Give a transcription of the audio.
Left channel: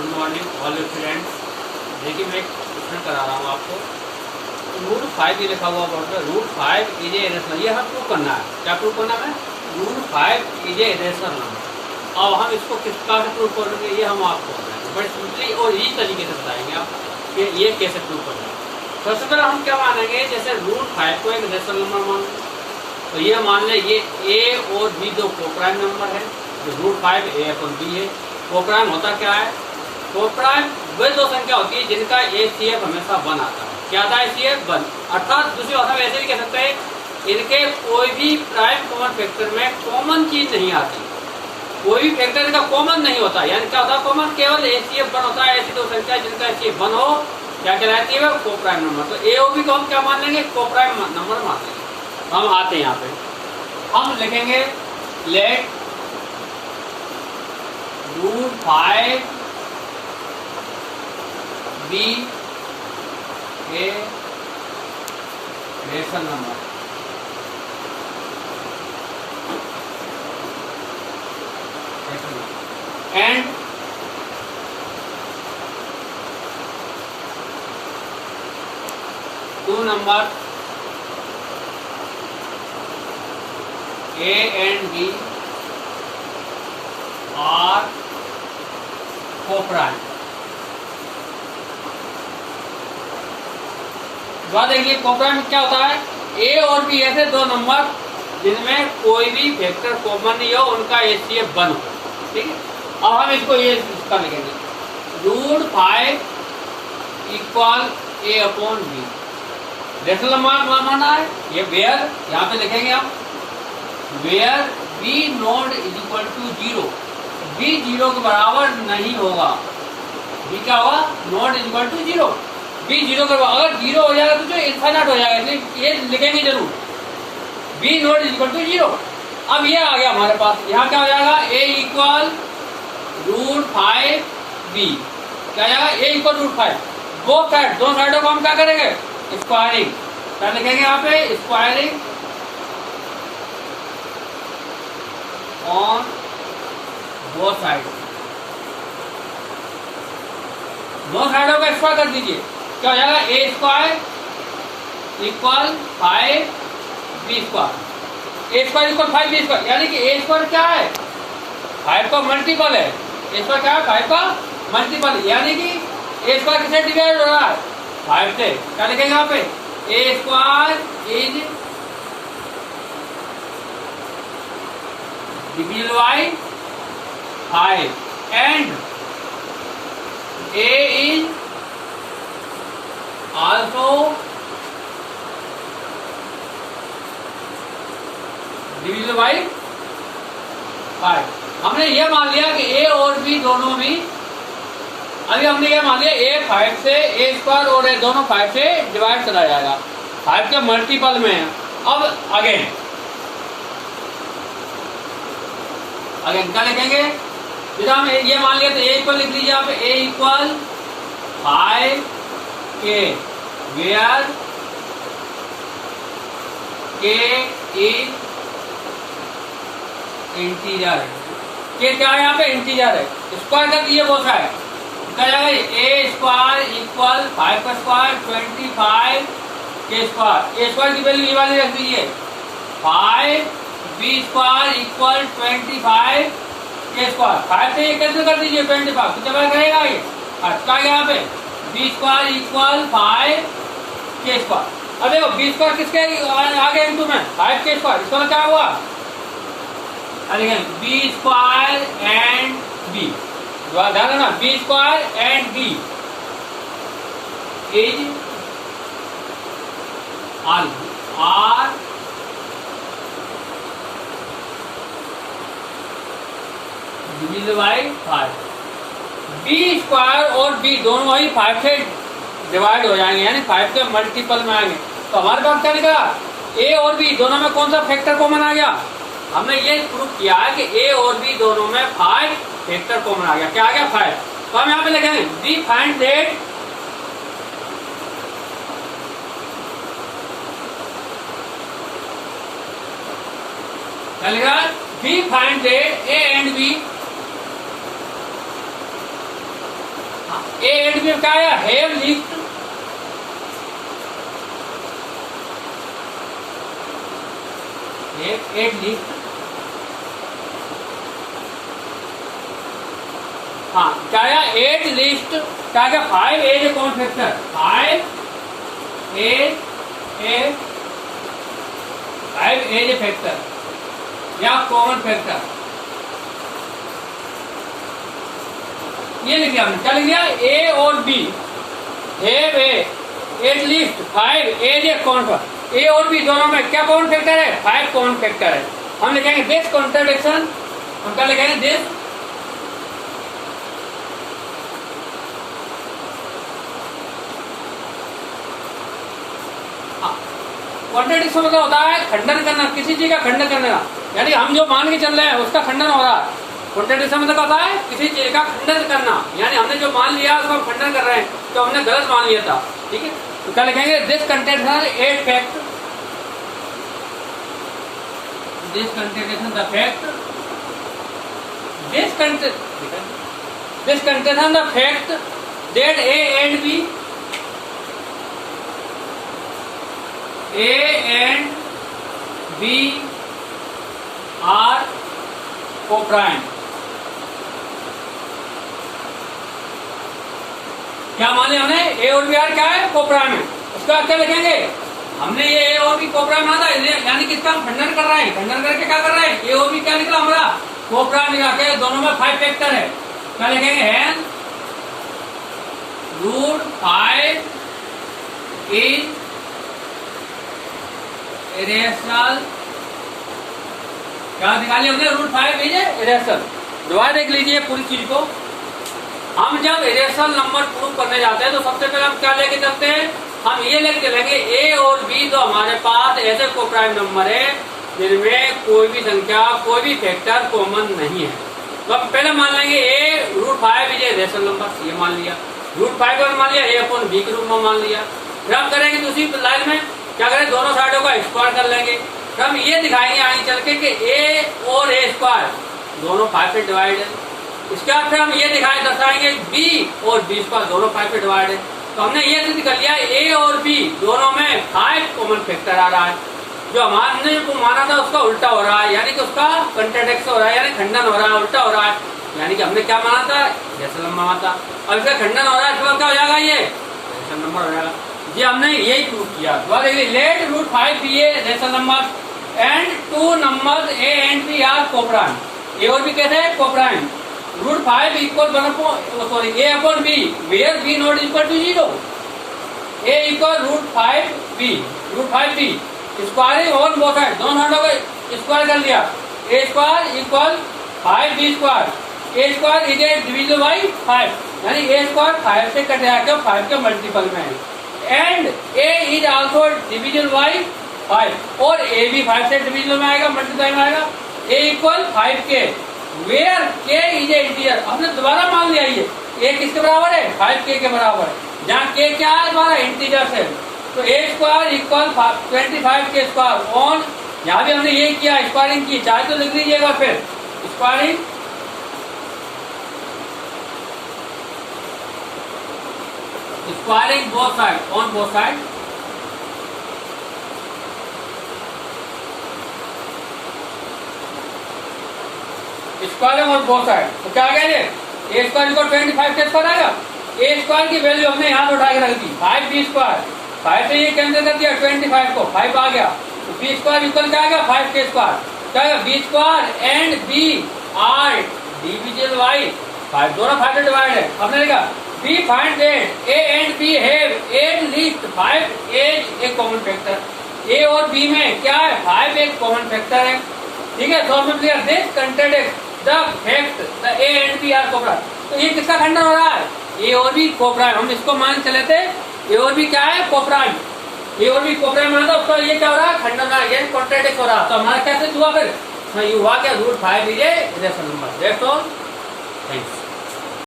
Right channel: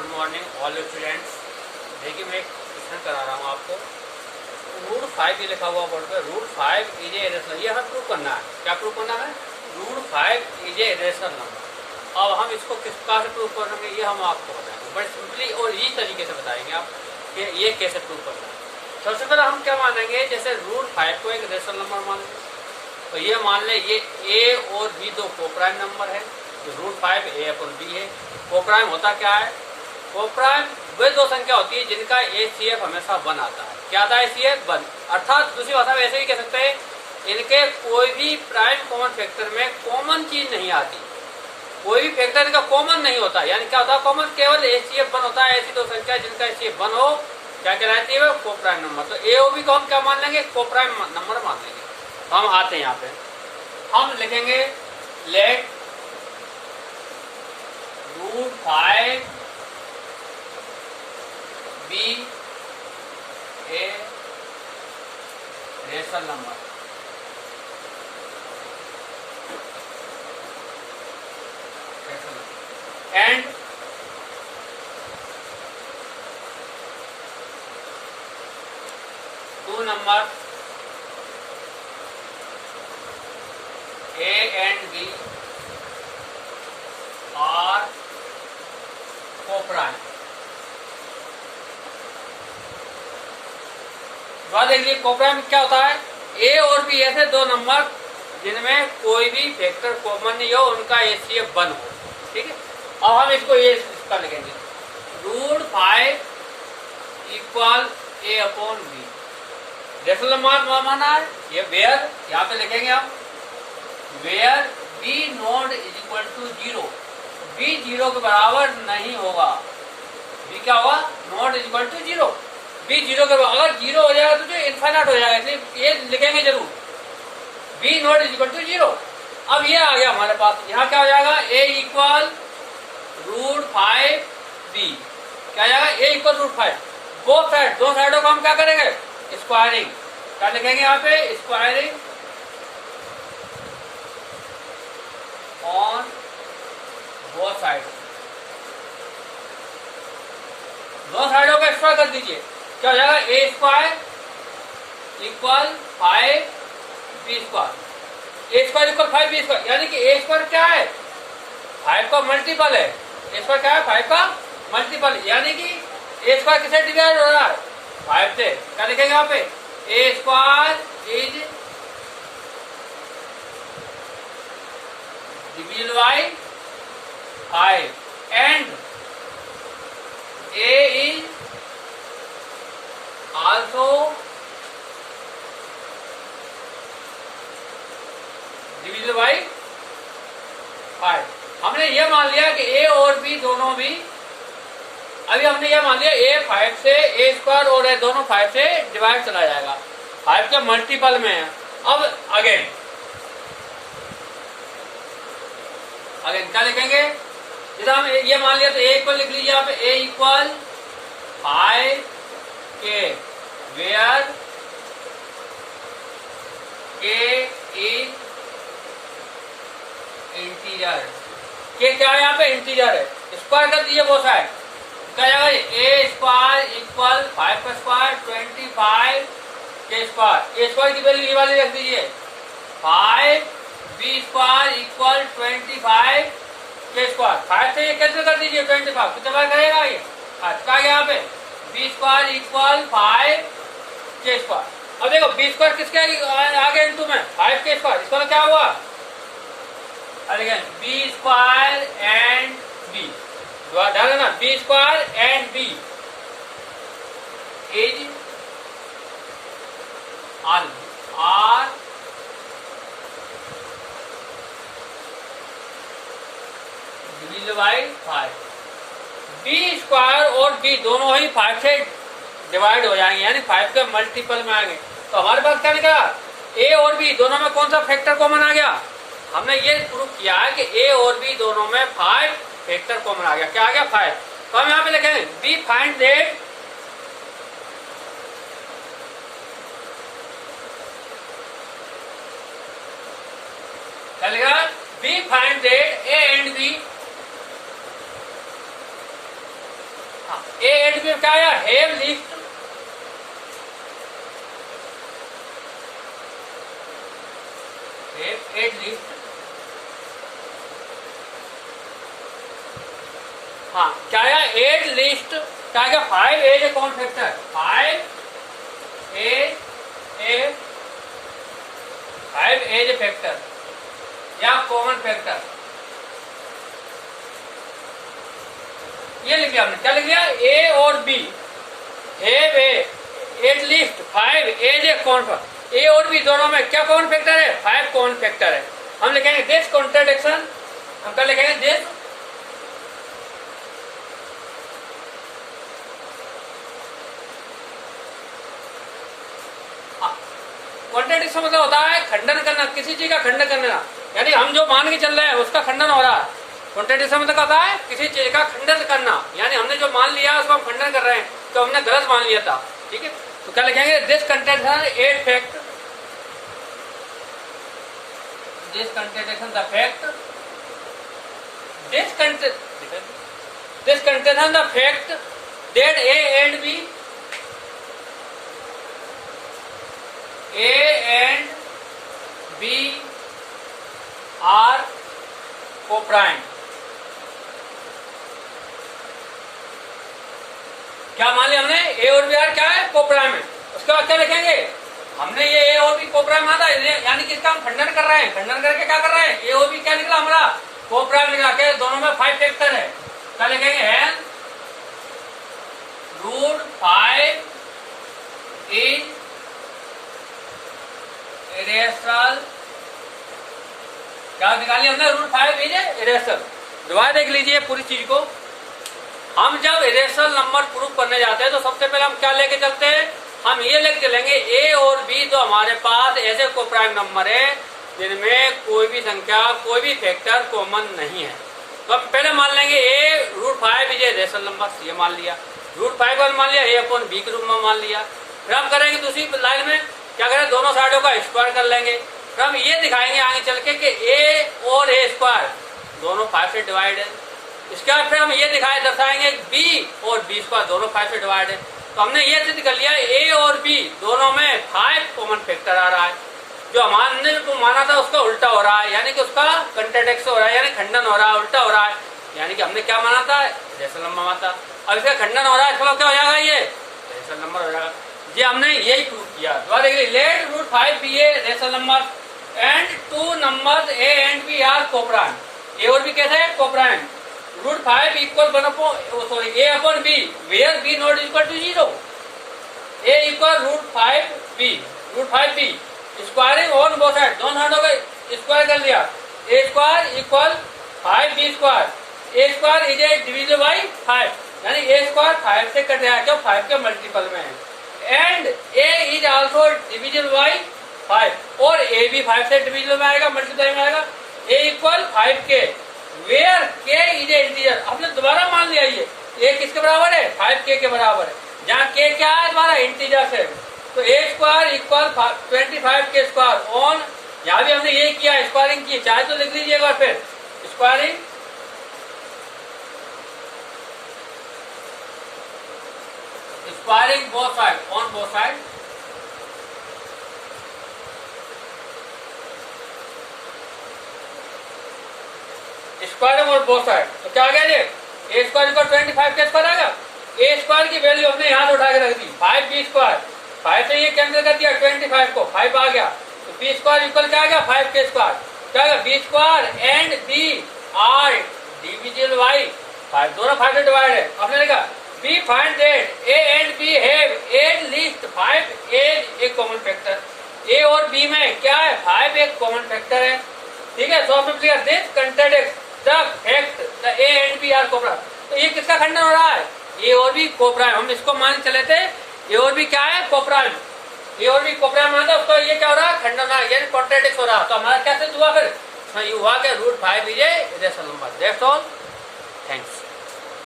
Good morning all students. देखिए मैं एक क्वेश्चन करा रहा हूँ आपको। रूट 5 ये लिखा हुआ बोर्ड पे, रूट 5 इज ए इरेशनल, ये हमें प्रूव करना है। क्या प्रूव करना है? Root 5 is a irrational number. अब हम इसको किस प्रकार से प्रूव करेंगे ये हम आपको बताएंगे, बड़ी सिंपली और इजी तरीके से बताएंगे आप कि ये कैसे प्रूव करना है। सबसे पहले हम क्या मानेंगे, जैसे रूट 5 को एक इरेशनल नंबर मान लें, तो ये मान लें ये ए और बी दो कोप्राइम नंबर है। रूट 5 ए अपन बी है। कोप्राइम होता क्या है? कोप्राइम वे दो संख्या होती है जिनका एचसीएफ हमेशा 1 आता है। क्या आता है? एचसीएफ 1। अर्थात दूसरी भाषा में ऐसे भी कह सकते हैं, इनके कोई भी प्राइम कॉमन फैक्टर में कॉमन चीज नहीं आती, कोई भी फैक्टर इनका कॉमन नहीं होता। यानी क्या होता है? कॉमन केवल एचसीएफ 1 होता है। ऐसी दो संख्या जिनका एचसीएफ 1 हो क्या कहलाती है? Coprime number. तो ए और बी को हम क्या मान लेंगे? कोप्राइम नंबर मान लेंगे। हम आते हैं यहाँ पे, हम लिखेंगे let root 5 be a rational number. And two number A and B are coprime. देखिए कोप्राइम क्या होता है? A और B ऐसे दो नंबर जिनमें कोई भी फैक्टर कॉमन नहीं हो, उनका एचसीएफ 1 हो। ठीक है, अब हम इसको ये इसका लिखेंगे root 5 equal A upon B। Rational number माना है ये वेयर, यहाँ पे लिखेंगे हम where b not is equal to 0। B 0 के बराबर नहीं होगा। बी क्या होगा? Not is equal to 0। B 0 के बराबर, अगर 0 हो जाएगा तो जो इनफाइनाइट हो जाएगा, इसलिए ये लिखेंगे जरूर b not is equal to 0। अब ये आ गया हमारे पास, यहाँ क्या हो जाएगा? ए इक्वल रूट 5 बी। क्या जाएगा? ए इक्वल रूट 5। बोथ साइड, दोनों साइडों को हम क्या करेंगे? स्क्वायरिंग। क्या लिखेंगे यहाँ पे? Squaring on both side. दोनों साइडों को स्क्वायर कर दीजिए। क्या हो जाएगा? ए स्क्वायर इक्वल 5 बी स्क्वायर। ए स्क्वायर इक्वल 5 बी स्क्वायर, यानी कि ए स्क्वायर क्या है? 5 का मल्टीपल है। ए स्क्वायर क्या है? 5 का मल्टीपल, यानी कि ए स्क्वायर किससे डिवाइड हो रहा है? 5 से। क्या लिखेंगे यहाँ पे? A square is divided by 5 and A is also divisible by 5। हमने यह मान लिया कि A और B दोनों भी, अभी हमने यह मान लिया A 5 से, A स्क्वायर और A दोनों 5 से डिवाइड चला जाएगा, 5 के मल्टीपल में है। अब अगेन क्या लिखेंगे? जैसे हम ये मान लिया तो ए इक्वल लिख लीजिए आप, ए इक्वल 5 के वेयर के इज इंटीजर। के क्या है? यहाँ पे इंटीजर है। स्क्वायर कर दीजिए बोथ साइड। क्या जाएगा? ए स्क्वायर इक्वल 5 का स्क्वायर 25 के स्क्वायर। ए स्क्वायर की वैल्यू ये वाली रख दीजिए 5 बी स्क्वायर इक्वल 25 के स्क्वायर। 5 से ये कैंसिल कर दीजिए 25, कितना बार करेगा ये? क्या यहाँ पे? बी स्क्वायर इक्वल 5 के स्क्वायर। अब देखो बी स्क्वायर किसके आगे इंटू में 5 के स्क्वायर, इसका क्या हुआ? अरे बी स्क्वायर एंड बी, ध्यान देना, b square and b is are divided by 5। B square और बी दोनों ही 5 से डिवाइड हो जाएंगे, यानी 5 के मल्टीपल में आएंगे। तो हमारे पास क्या निकला? ए और बी दोनों में कौन सा फैक्टर कॉमन आ गया? हमने ये प्रूव किया है कि ए और बी दोनों में 5 फैक्टर कॉमन आ गया। क्या आ गया? 5। तो हम यहाँ पे लिखेंगे b find that B find that A and B देखिए क्या आया, हैव लीस्ट, एट लीस्ट, हाँ क्या आया, एट लीस्ट, क्या क्या, 5 as a common factor, 5 as a factor या कॉमन फैक्टर, ये लिख लिया हमने, क्या लिख लिया, ए और B have at least 5 as a common factor, A और बी दोनों में क्या कॉमन फैक्टर है, 5 कॉमन फैक्टर है। हम लिखेंगे दिस कॉन्ट्रडिक्शन, हम क्या लिखेंगे, दिस कॉन्ट्रडिक्शन मतलब होता है खंडन करना, किसी चीज का खंडन करना, यानी हम जो मान के चल रहे हैं उसका खंडन हो रहा है। कॉन्ट्रडिक्शन मतलब होता है किसी चीज का खंडन करना, यानी हमने जो मान लिया उसको हम खंडन कर रहे हैं, तो हमने गलत मान लिया था, ठीक है। तो क्या लिखेंगे, this contradiction at fact, this contradiction the fact, this contradiction the fact that a and b, A and B are co-prime, क्या मान लिया हमने, A और B आर क्या है, को-प्राइम है। उसके बाद क्या लिखेंगे, हमने ये A और B को-प्राइम माना, यानी किसका हम खंडन कर रहे हैं, खंडन करके क्या कर रहे हैं, A और B क्या निकला हमारा, को-प्राइम निकला के, दोनों में 5 फैक्टर है। क्या लिखेंगे, है √5 इज इरेशनल, क्या निकाली हमने, √5 इज इरेशनल। दोबारा देख लीजिए पूरी चीज को, हम जब इरेशनल नंबर प्रूव करने जाते हैं तो सबसे पहले हम क्या लेके चलते हैं, हम ये लेके चलेंगे ए और बी तो हमारे पास ऐसे को-प्राइम नंबर है जिनमें कोई भी संख्या, कोई भी फैक्टर कॉमन नहीं है। तो हम पहले मान लेंगे ए √5 इज इरेशनल नंबर, ये मान लिया, √5 को मान लिया, A/B के रूप में मान लिया। फिर हम करेंगे दूसरी लाइन में क्या करें, दोनों साइडों का स्क्वायर कर लेंगे। फिर हम ये दिखाएंगे आगे चल के कि A और A² दोनों 5 से डिवाइड है। इसके बाद फिर हम ये दर्शाएंगे B और B² दोनों 5 से डिवाइड है। तो हमने ये सिद्ध कर लिया A और B दोनों में 5 कॉमन फैक्टर आ रहा है, जो हमने जो माना था उसका उल्टा हो रहा है, यानी कि उसका कंट्राडिक्शन हो रहा है, यानी खंडन हो रहा है, उल्टा हो रहा है, यानी कि हमने क्या माना था, रेशनल नंबर माना था, अब इसका खंडन हो रहा है, इसका क्या हो जाएगा, ये रेशनल नंबर हो जाएगा। ये हमने यही प्रूव किया। Let √5 be a rational number and 2 number A and B are coprime, A और बी कैसे है, coprime, √5 equal A/B where B not equal to 0, A equal √5B squaring on both side, दोनों साइडों को स्क्वायर कर लिया, A² equal 5B², A² is a division by 5, यानी A² 5 से कट जाएगा, 5 के मल्टीपल में है, and A is also division by 5, और A भी 5 से डिविजन में आएगा, मल्टीप्लाई में आएगा, A equal 5K where K is a integer. हमने दोबारा मान लिया ये A किसके बराबर है, 5K के बराबर है, जहाँ K क्या है हमारा, इंटीजर है। तो A² इक्वल 25K² ऑन, यहाँ भी हमने ये किया, स्क्वायरिंग की, चाहे तो लिख लीजिए एक बार फिर, squaring squaring both side on both side, squaring on both side. तो क्या कह रहे, A² इक्वल 25K² आएगा, A² की वैल्यू हमने यहाँ से उठा के रख दी, 5B², 5 से ये कैंसिल कर दिया, 25 को 5 आ गया, तो B² इक्वल क्या आएगा, 5K², क्या आएगा, B² and B are division by 5, दोनों 5 से डिवाइड है। हमने देखा B find that A and B have at least 5 as a common factor, A और B में क्या है, 5 एक कॉमन फैक्टर है, ठीक है। तो हमने clear, this contradict the fact the A and B are coprime, तो ये किसका खंडन हो रहा है, A और B को-प्राइम, हम इसको मान चले थे A और B क्या है, को-प्राइम, A और B को-प्राइम माना, उसका ये क्या हो रहा है, खंडन हो रहा है, यानी कॉन्ट्राडिक्ट हो रहा है। तो हमारा कैसे हुआ, फिर ये हुआ क्या, √5 is A rational number. That's all, thanks.